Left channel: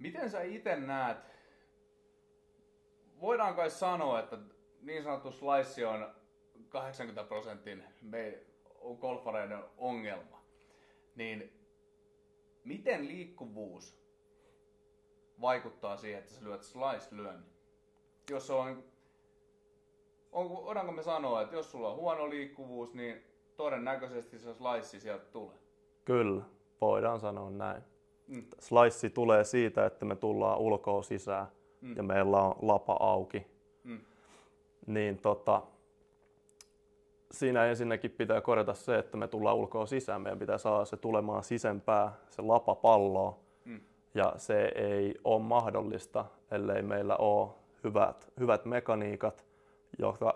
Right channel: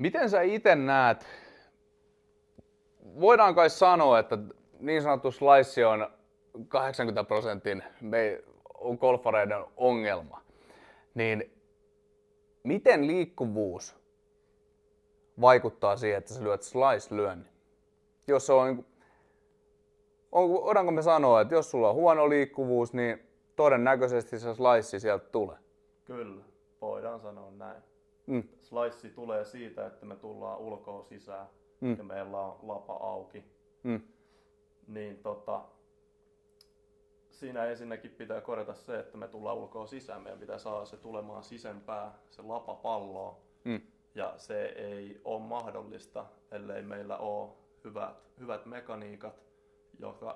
Miten sä itse näet, voidaan kai sanoa, että niin sanottu slice on 80% on golfareiden ongelma, niin miten liikkuvuus vaikuttaa siihen, että sä lyöt slice-lyönnin? Jos se voidaanko me sanoa, että jos sulla on huono liikkuvuus, niin todennäköisesti se slice sieltä tulee? Kyllä, voidaan sanoa näin. Slice tulee siitä, että me tullaan ulkoa sisään ja meillä on lapa auki. Niin siinä ensinnäkin pitää korjata se, että me tullaan ulkoa sisään. Meidän pitää saada se tulemaan sisempää, se lapa palloon. Ja se ei ole mahdollista, ellei meillä ole hyvät mekaniikat,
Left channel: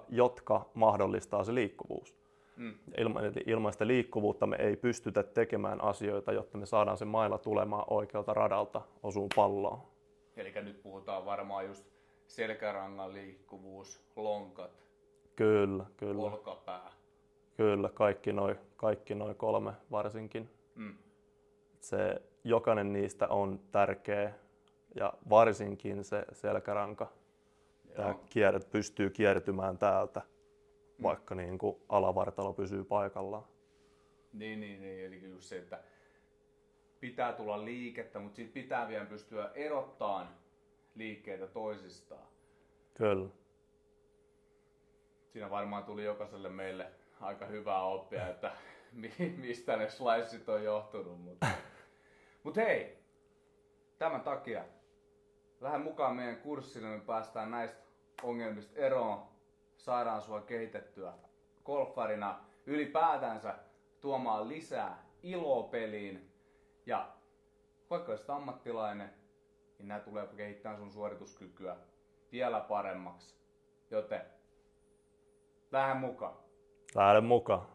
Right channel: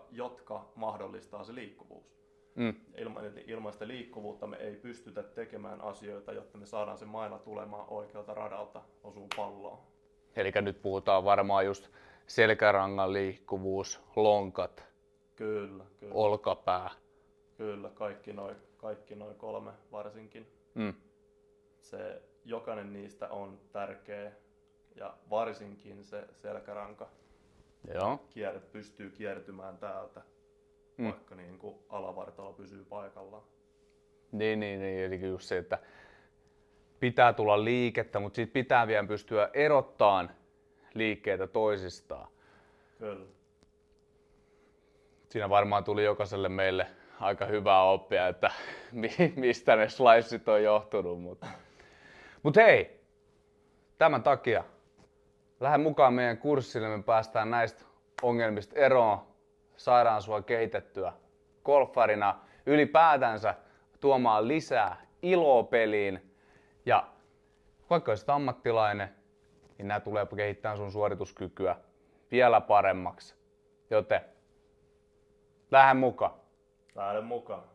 jotka mahdollistaa se liikkuvuus. Ilman sitä liikkuvuutta me ei pystytä tekemään asioita, jotta me saadaan se maila tulemaan oikealta radalta osuun palloon. Eli nyt puhutaan varmaan just selkärangan liikkuvuus, lonkat, Kyllä. olkapää. Kyllä, kaikki noi kolme varsinkin. Jokainen niistä on tärkeä ja varsinkin se selkäranka. Pystyy kiertymään täältä, vaikka niin kuin alavartalo pysyy paikallaan. Niin, eli just se, että pitää tulla liikettä, mutta siitä pitää vielä pystyä erottamaan liikkeitä toisistaan. Kyllä. Siinä varmaan tuli jokaiselle meille aika hyvää oppia, että mistä ne sliceit on johtunut. Mutta hei, tämän takia lähde mukaan meidän kurssille, me päästään näistä ongelmista eroon, saadaan sua kehitettyä golfarina, ylipäätänsä tuomaan lisää iloa peliin. Ja vaikka olisit ammattilainen, niin nämä tulee kehittämään sun suorituskykyä vielä paremmaksi. Joten lähde mukaan. Lähde mukaan.